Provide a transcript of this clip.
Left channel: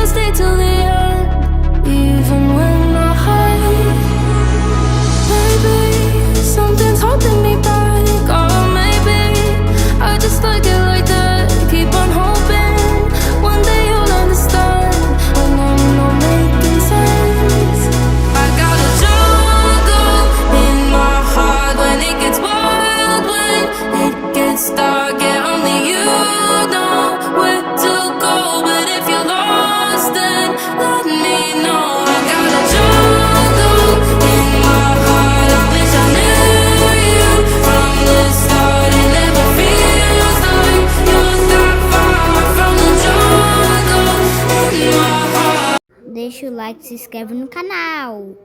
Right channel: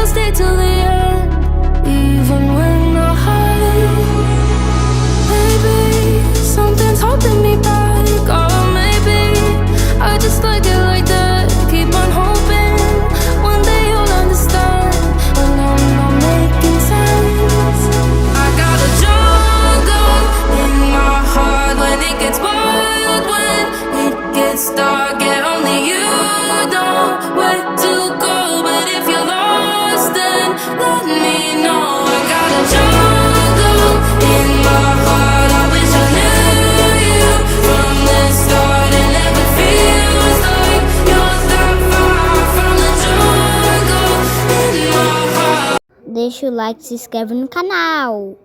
I'll stay till the end, even when I'm high. Maybe something's holding me back, or maybe I just like it like that. Keep on hoping one day you'll understand when I'm not making sense. I got a jungle in my heart when it gets wild, when it gets dark. Yeah, only you know where to go. But if you're lost, then let me know. I got a jungle in my heart. I wish I knew you from the start. It never feels like you're that far from the jungle in my heart. Deixa o like e se inscreve no canal.